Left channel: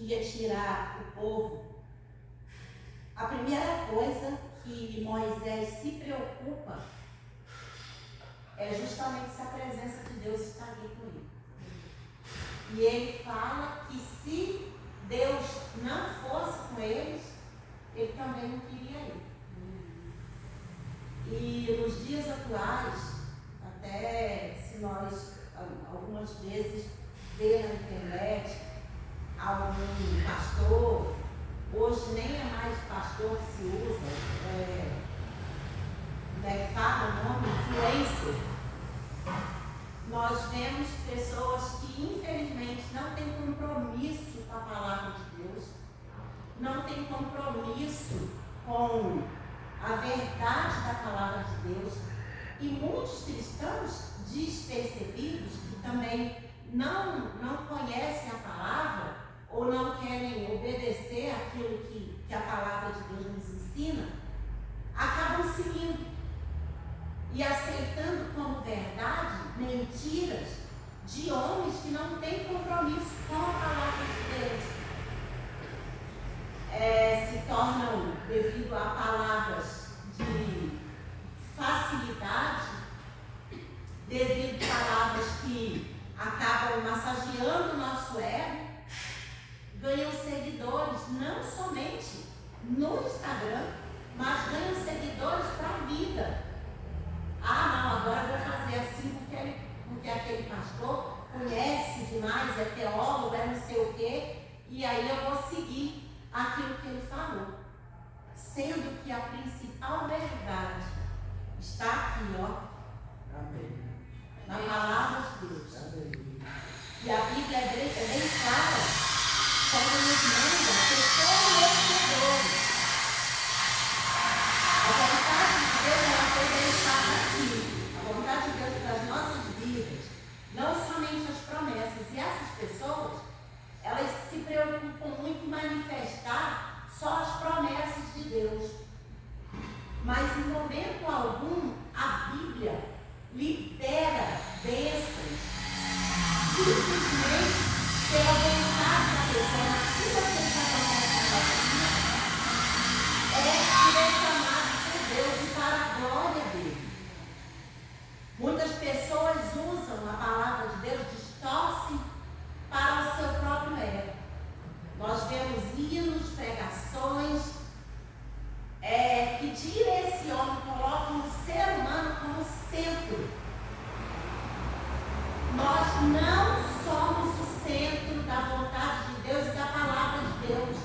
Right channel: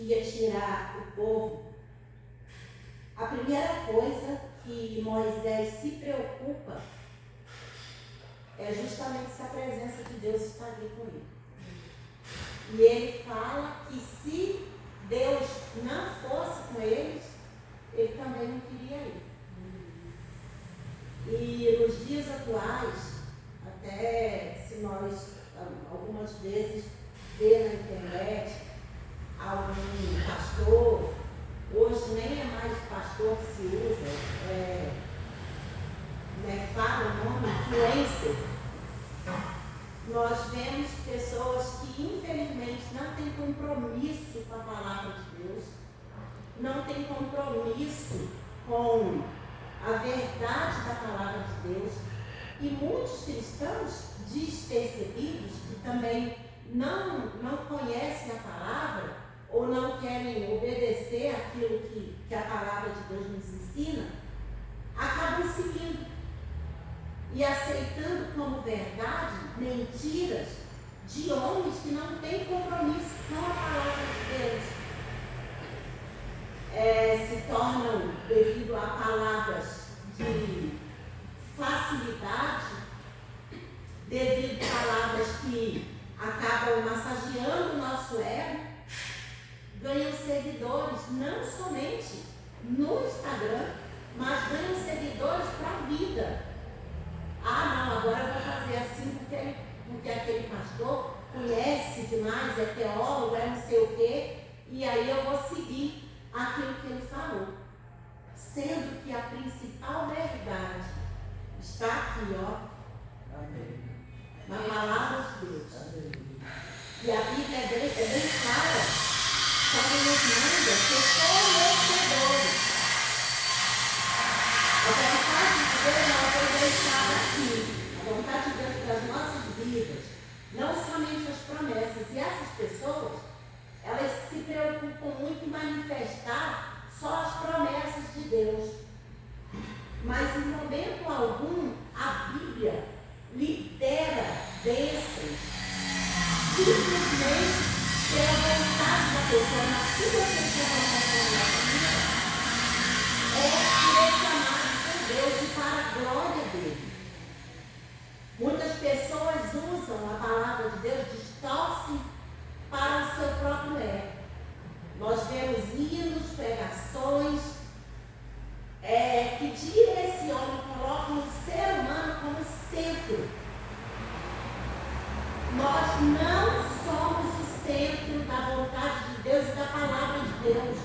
que ia tirar o povo, a primeira coisa que Moisés se preocupa é justamente se a presença de Deus está ali com ele. E ele fala que se Deus não fosse com eles, ele também não queria ir. E nos dias atuais, até se nós algumas vezes ver na internet algum pastor, hoje nem é mais pastor que se usa, fala o nome, influencer. Nós vemos pessoas que infelizmente não têm compromisso com a palavra de Deus, não têm compromisso com a verdade da palavra de Deus, e muitos cristãos despercebidos que também não conhecem a palavra ou não querem obedecer aquilo que a palavra de Deus nos ensina, acabam seguindo e aceitando como verdade mentiras de homens que não têm compromisso com a palavra de Deus. Se tornam, devido a palavras de facilidade, devido a palavras que acabam massageando o nosso ego, ganham seguidores não somente no Instagram, mas ganham seguidores para a vida. Não, agora eu vou fazer assim porque aquele pastor conhece demais, é teólogo, é não sei o quê, e aí eu vou seguir aquilo que ele falou. Sendo que a principal verdade está aqui, ó. Amém. Na palavra de Deus. Amém. E a Bíblia é bem clara quando nos manda ser conhecedores. A vontade de Deus, ela foi deixada aqui. A vontade de Deus para as nossas vidas, não somente as promessas. E essas pessoas, elas se preocupam muito em manifestar só as promessas de Deus. Mas em momento algum, a Bíblia libera bênçãos simplesmente pela vontade da pessoa. Na sua vontade é direcionada por Deus e para a glória dele. Muitas pessoas usam a palavra de Deus, distorcem para o seu próprio ego. Nós vemos hinos, pregações que direcionam, colocam o ser humano como centro. Nós não somos o centro da vontade de Deus e da palavra de Deus.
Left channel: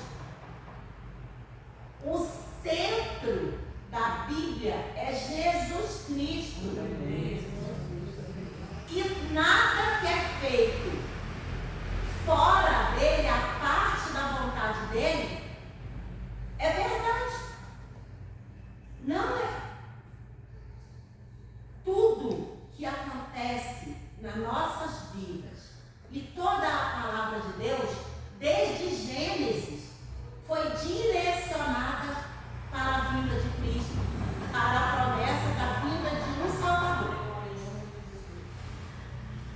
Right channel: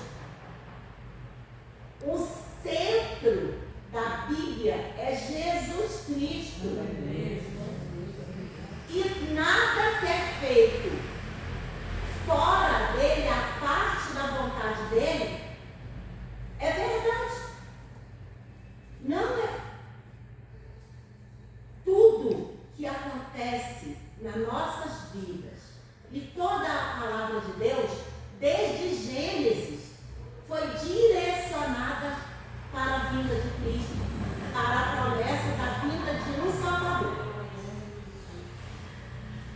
O centro da Bíblia é Jesus Cristo. E nada que é feito fora dele, a parte da vontade dele, é verdade. Não é. Tudo que acontece nas nossas vidas e toda a palavra de Deus, desde Gênesis, foi direcionada para a vinda de Cristo, para a promessa da vinda de um Salvador.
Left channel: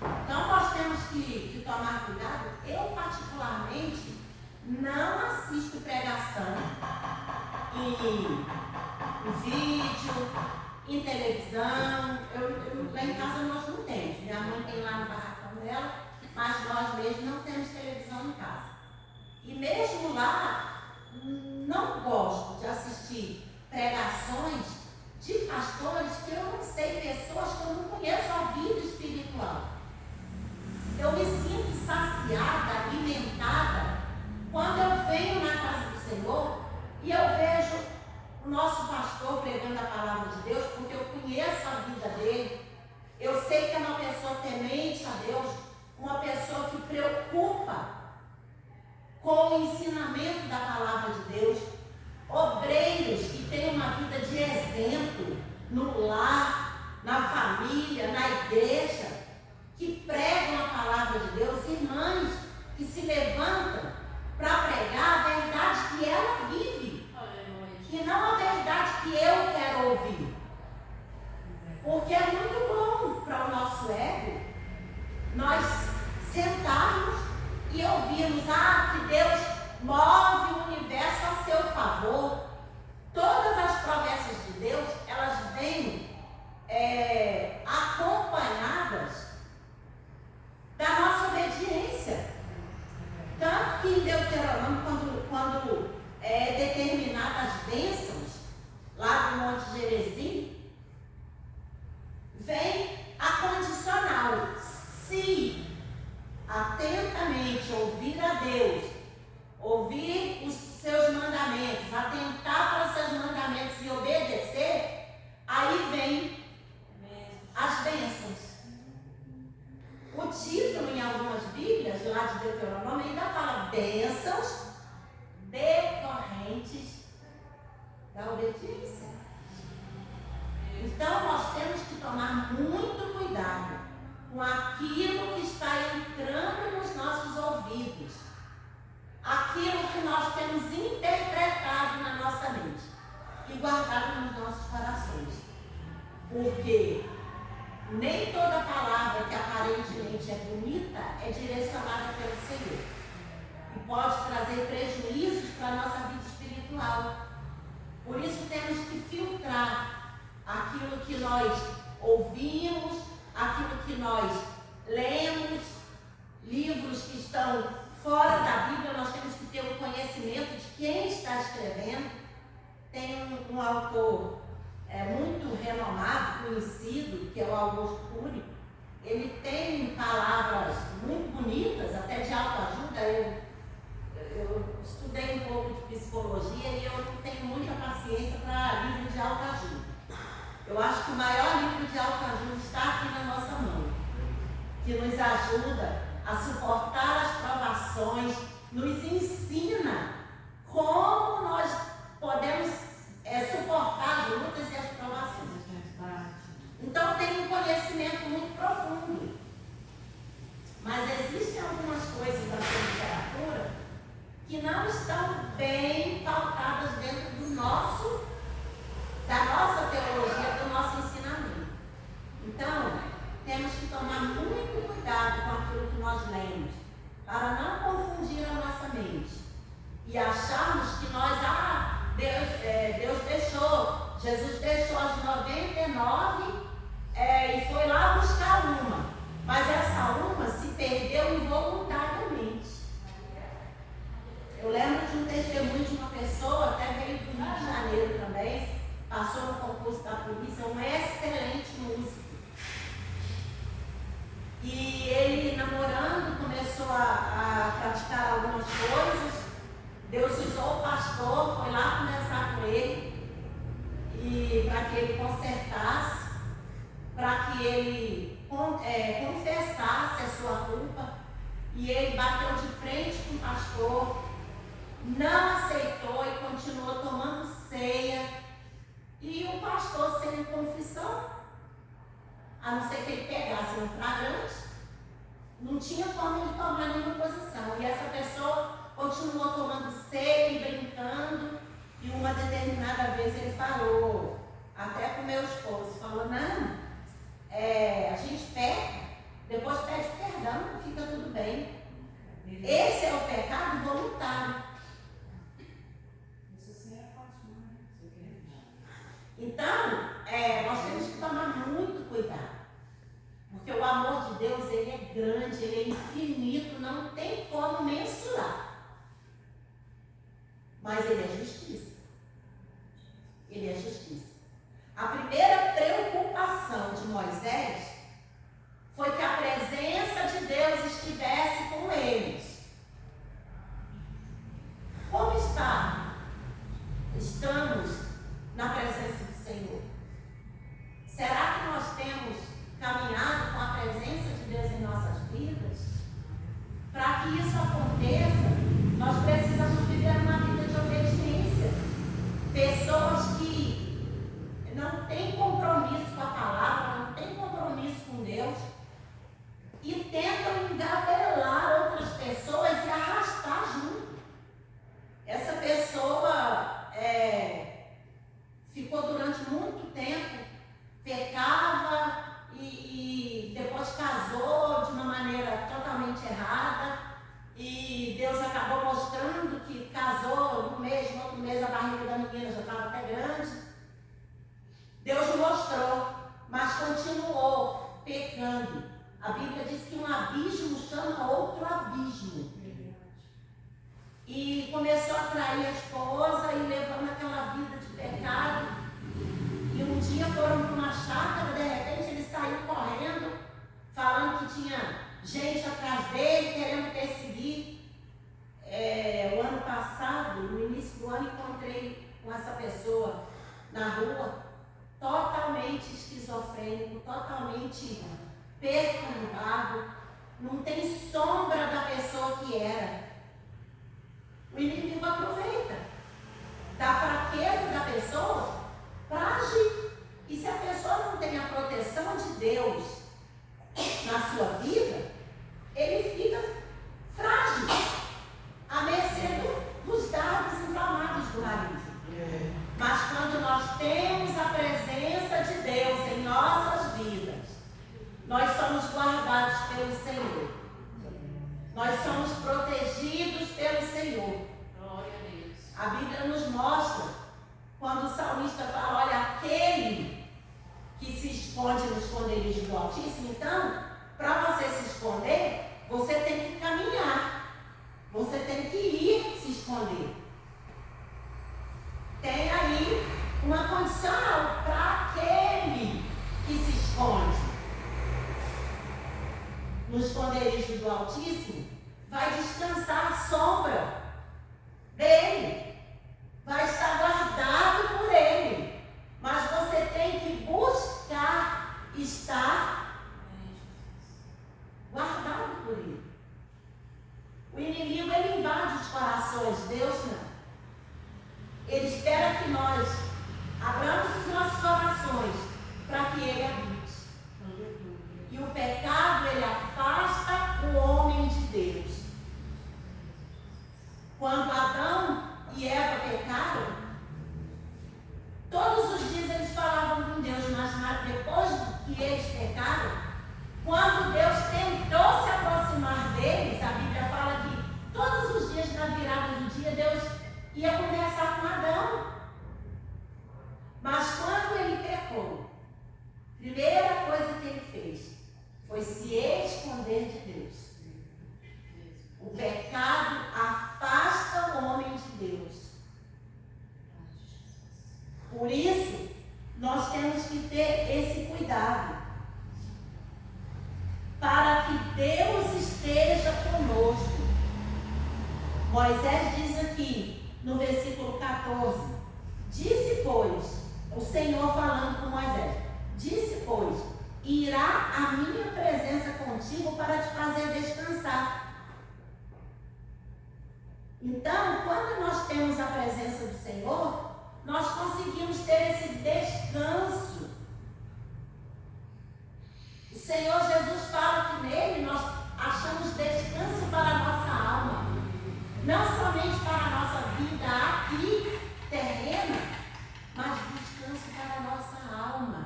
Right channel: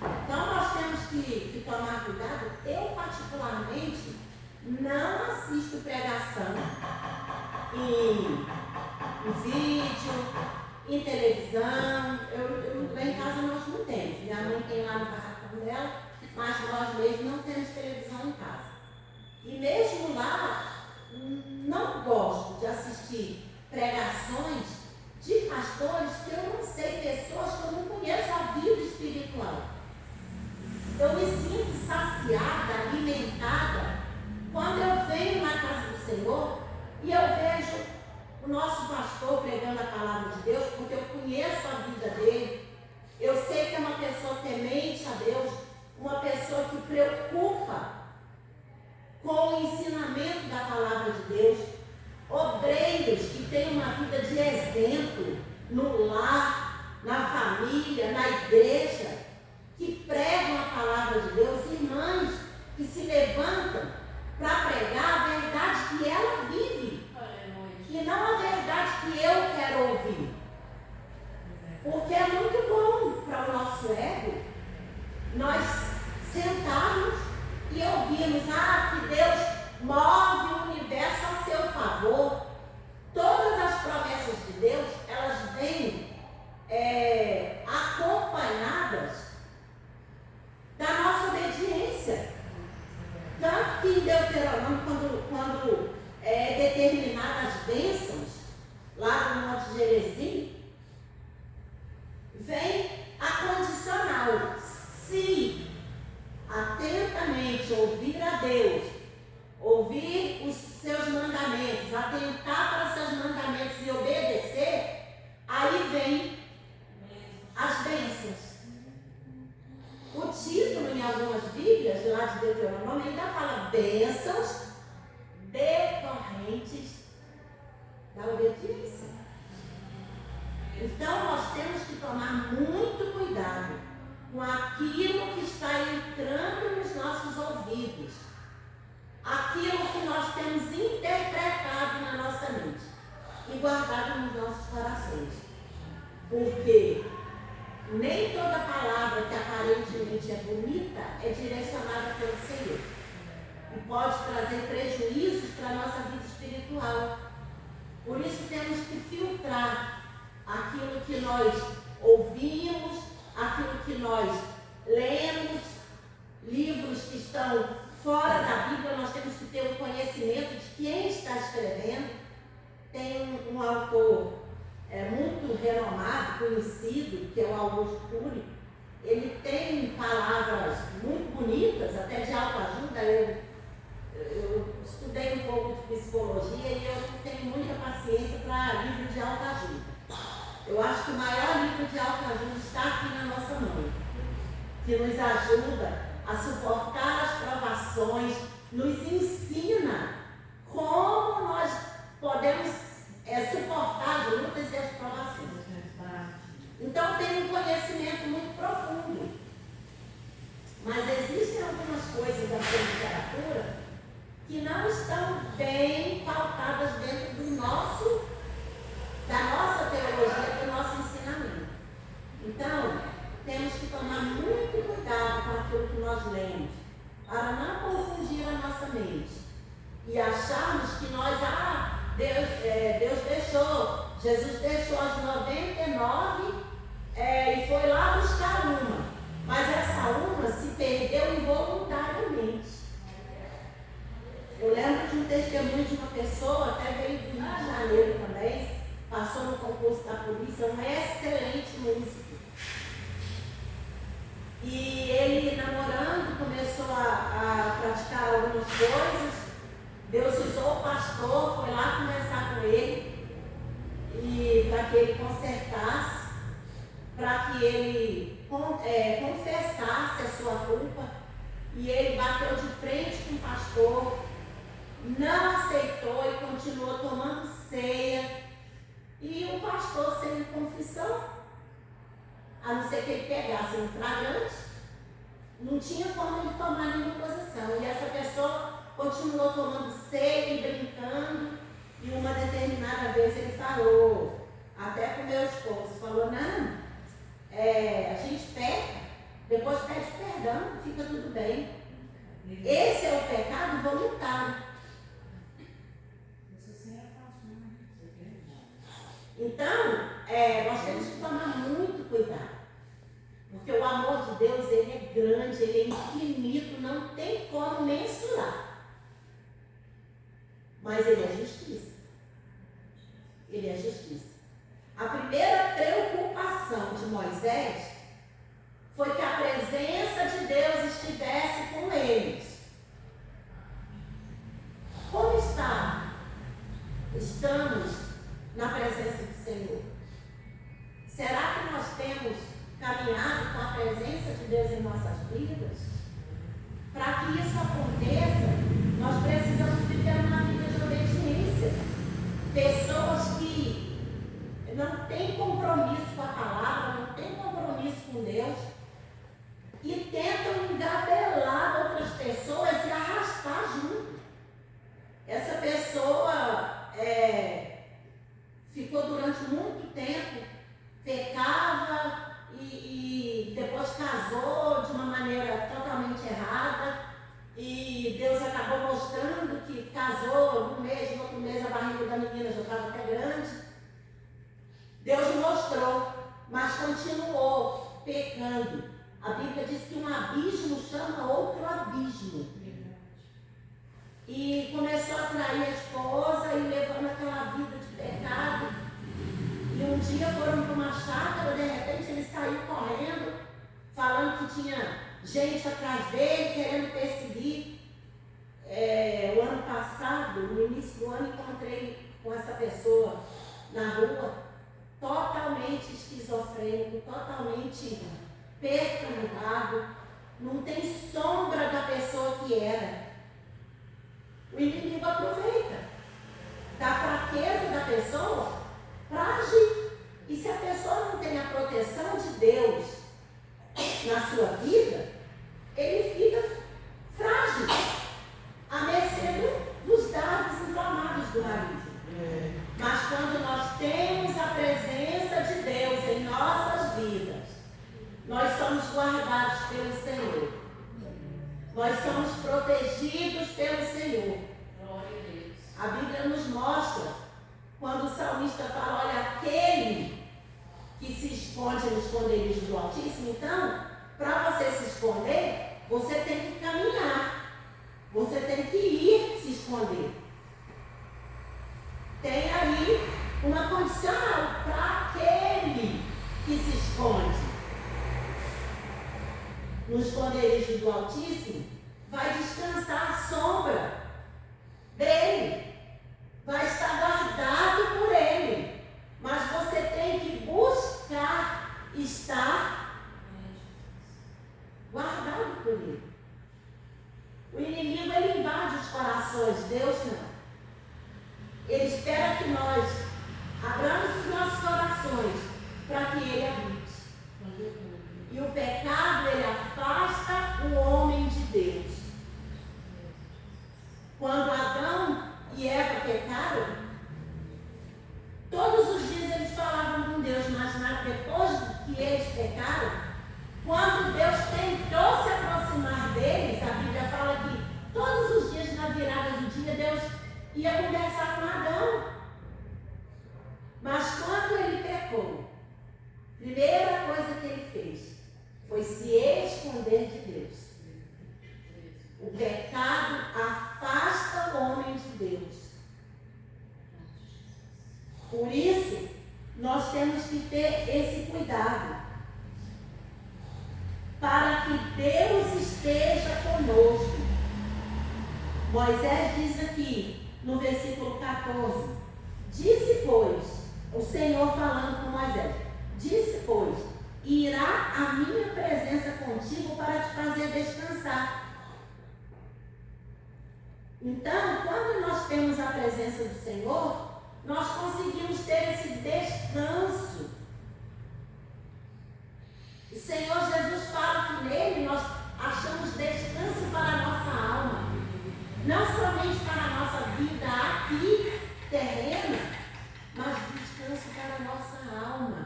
Então nós temos que tomar cuidado. Eu particularmente não assisto pregação em vídeo, em televisão. Lá em casa nós não temos. Minha mãe tem lá no barracão dela, mas nós mesmos não temos televisão em casa. E mesmo lá, não gosto de assistir pregações de pastores que eu não sei, pessoas que eu não conheço a vida espiritual. Eu me sinto saciada, alimentada, quando eu venho na casa do Senhor e eu vejo o nosso pastor pregando a palavra de Deus, porque eu conheço a vida dele. Eu sei que é uma pessoa temente a Deus, uma pessoa que preocupa com o ensinamento da palavra de Deus. Obreiros que têm uma vida de exemplo no lar, na família, na igreja, que pregam a palavra de Deus, irmãs que se levantam para pregar a verdade que ela vive, e não a verdade que eu quero ouvir. Porque é muito bom para o nosso ego nós sentarmos e ouvirmos que Deus move o universo a seu favor. Todas as promessas de Deus, elas vêm acompanhadas da nossa obediência. Tanto que em Deuteronômio, quando é determinadas bênçãos, lá do Monte Gerizim, vem a condicional. Se atentamente ouvir a Deus, ouvir os seus mandamentos, atentar para os seus mandamentos e obedecer, aí vem as bênçãos. O título em algumas Bíblias, lá de Deuteronômio, ainda fala bênçãos decorrentes da obediência. Então nós temos que tomar muito cuidado com aquilo que está entrando nos nossos ouvidos, aquilo que nós temos interpretado na nossa mente e guardado nos nossos corações. Porque nem toda palavra que aparentemente é bonita é direcionada pelo Senhor. E pode trazer prejuízos para a nossa vida espiritual. Por isso temos que filtrar aquilo que nós ouvimos, aquilo que nós lemos, livros que estão fora da Bíblia. Nós temos que ter o conhecimento de quem está escrevendo. Tem um autor muito renomado, conhecido, que é o Augusto Cury. Ele tem palavras muito bonitas, até de autoajuda. Eu estudei um pouco de psicologia e eu não tenho muita paciência para livro de autoajuda. Eu acho que o maior livro de autoajuda está aqui na nossa mão, que nos ajuda a suportar as provações, nos ensina como nós podemos suportar as lutas e as provações. Então tem um conhecimento muito profundo. Mas existem algumas coisas da sua literatura que não estão bem pautadas dentro da nossa teologia, do nosso ensinamento. Então, temos que tomar muito cuidado com aquilo que nós lemos, para não confundir a nossa mente e acharmos que nós, Deus deixou, Jesus deixou as 99 e foi lá buscar uma, mas essa uma se perdeu involuntariamente. Eu lembro de um testemunho de uma pessoa, até veio do Rio de Janeiro também, passou no concurso da polícia, um excelente músico. E ele, namorando, começou a praticar algumas coisas. Deus usou o pastor, foi lá conversar com ele, e para que ele consertasse, para que ele confessasse a sua culpa. E ele bateu de frente com o pastor, não aceitou e continuou tomando ceia. E o pastor, sem confissão, a não ser que ele pegasse em flagrante, não tinha como ele tomar nenhuma posição. E essa pessoa continuou tomando ceia e brincando. E uma determinada vez ele falou, até com meu esposo, falou, não, a gente peca, depois pede perdão, fica tudo bem. Esse é o pecado voluntário. Então, nós temos que tomar muito cuidado, porque o amor de Deus, ele é grande, ele é infinito, não tem como mensurar, mas ele é justiça. Ele é justiça. A primeira preocupação de Moisés foi que a presença de Deus estivesse com eles. Como estamos na presença do Senhor? Será que nós temos caminhado com a presença de Deus em nossas vidas? Para que isso aconteça, nós precisamos viver uma vida de obediência. Pessoas que não têm compromisso com a palavra, não têm compromisso com Deus e tentam engabelar outras pessoas e arrastar junto. Essa pessoa ficou durante muito tempo, pecava e depois casou de uma maneira totalmente errada, e Deus acabou mostrando que casou um mês, no outro mês a barriga da menina já estava até grande. Deus mostrou, mas continuou pecando. A Bíblia diz que um abismo chama outro abismo. E começou a trair a esposa e levando aquela vida de pecado. E um dia foram para uma chácara, de repente ele saiu correndo, falando que tinha gente atrás dele, querendo perseguir. O ano passado, no início do ano, encontrei com essa pessoa na rua, totalmente esquizofrênico, totalmente perturbado, não tem sombra da pessoa que era. O inimigo aproveita da fraqueza da pessoa para agir. E se a pessoa não tem a proteção de Deus na sua vida, ele fica frágil, à mercê dos dardos inflamados do marido. Mas quando nós temos a presença de Deus em nossas vidas, nós somos guardados pelo Senhor. Nós somos protegidos pelo Senhor. A Bíblia nos mostra, quando o salmista fala, olha, aquele que se esconde no esconderijo do Altíssimo. Então, para você se esconder, você tem que caminhar. Você tem que ir se esconder. Tem aí uma condição para aquele que se esconde no esconderijo do Altíssimo, vai descansar à sombra dele, vai estar guardado por ele. Mas você tem que buscar estar guardado por ele. O inimigo, ele invade os corações, Deus não. Ele espera que nós abramos os nossos corações para que ele habite. E o pecado, ele afasta o homem de Deus. Quando Adão e Eva pecaram, todos os dias eles falavam com Deus, mas depois que eles pecaram, quando Deus tentou se aproximar deles, a Bíblia fala que todos os dias na virada do dia, Deus ia conversar com Adão. Mas quando ele pecou, a primeira coisa que ele fez foi se esconder de Deus. O pecado afasta o homem de Deus. Por isso, nós temos que ter esse cuidado, para que Deus esteja conosco. Moisés diz aqui, no versículo 14, disse, pois, o Senhor falando com Moisés, disse, pois, irá a minha presença contigo para te fazer descansar. Então, quando nós temos a presença do Senhor, nós conseguimos ter esse descanso. O Senhor Jesus fala que nele nós achamos descanso para a nossa alma. Não somente para a nossa vida aqui, terrena, mas descanso para a nossa alma.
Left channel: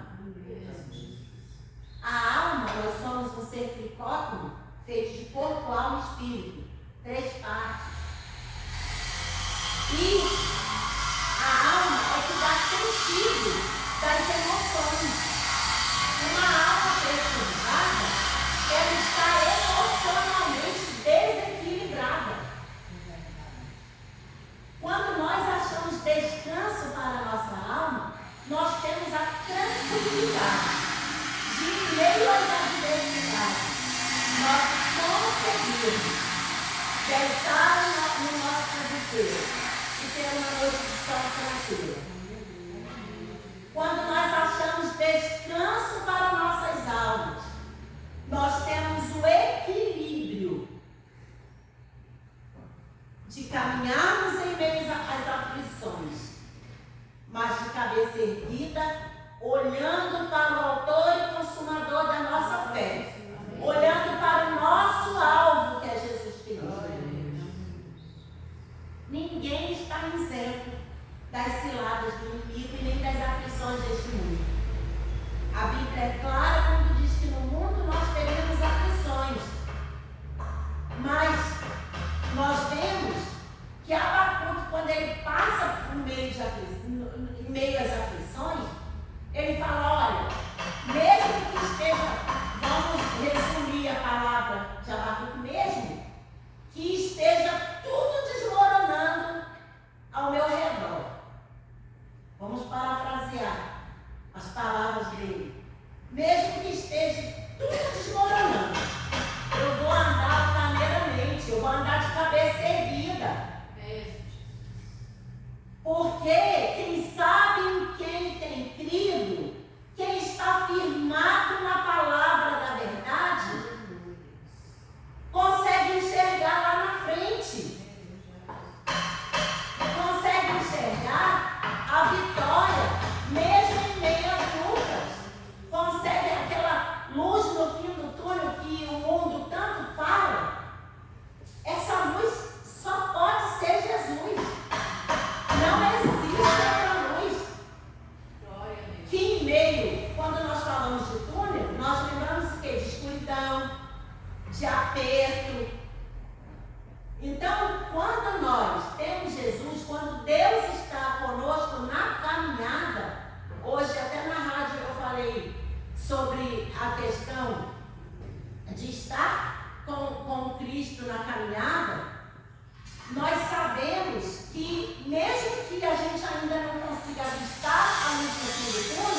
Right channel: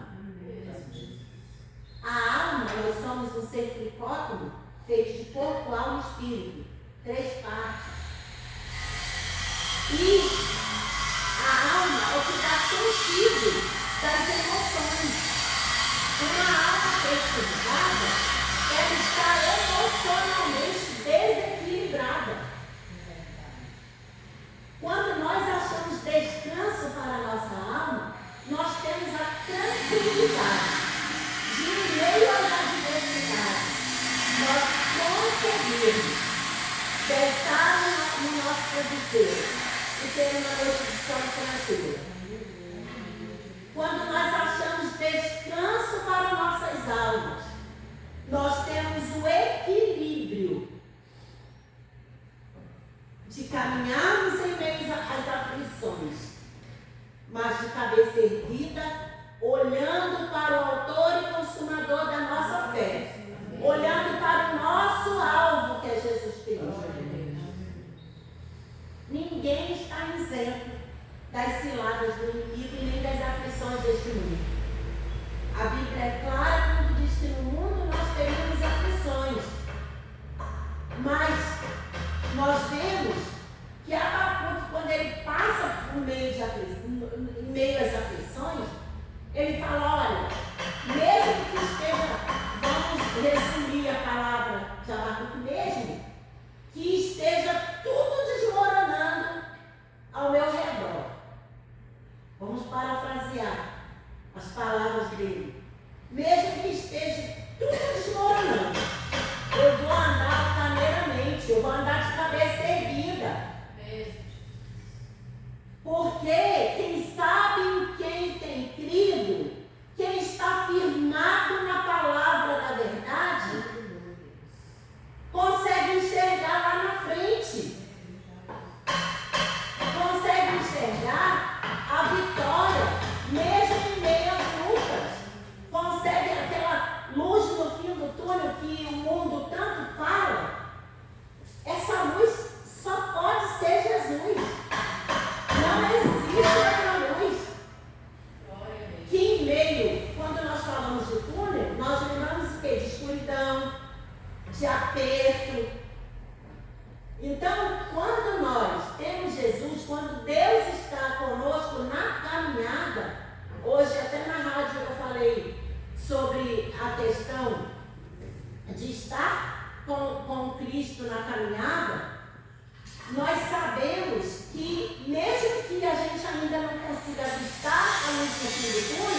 A alma, nós somos um ser tricótomo, feito de corpo, alma e espírito. 3 partes. E a alma é que dá sentido das emoções. Uma alma perturbada, ela está emocionalmente desequilibrada. Quando nós achamos descanso para a nossa alma, nós temos a tranquilidade de, em meio às adversidades, nós conseguimos deitar no nosso travesseiro e ter uma noite de sono tranquila. Quando nós achamos descanso para nossas almas, nós temos o equilíbrio de caminharmos em meio às aflições, mas de cabeça erguida, olhando para o autor e consumador da nossa fé, olhando para o nosso alvo, que é Jesus Cristo. Ninguém está isento das ciladas do inimigo e nem das aflições deste mundo. A Bíblia é clara quando diz que no mundo nós teremos aflições, mas nós vemos que Abacuque, quando ele passa por em meio às aflições, ele fala, olha, mesmo que esteja, vamos resumir a palavra de Abacuque mesmo, que esteja tudo desmoronando ao meu redor. Vamos parafrasear as palavras dele. Mesmo que esteja tudo desmoronando, eu vou andar cameramente, eu vou andar de cabeça erguida. Porque quem sabe em quem tem crido, quem está firmado na palavra da verdade, consegue enxergar lá na frente. Consegue enxergar a vitória, mesmo em meio às lutas. Consegue aquela luz no fim do túnel que o mundo tanto fala. Essa luz só pode ser Jesus. Não existe outra luz. Que em meio, quando nós falamos de túnel, nós lembramos o quê? De escuridão, de aperto. Então, quando nós temos Jesus, quando Deus está conosco na caminhada, hoje até na rádio eu falei sobre a questão de estar com Cristo na caminhada, nós sabemos que mesmo que a gente ainda não consiga avistar a luz no fim do túnel,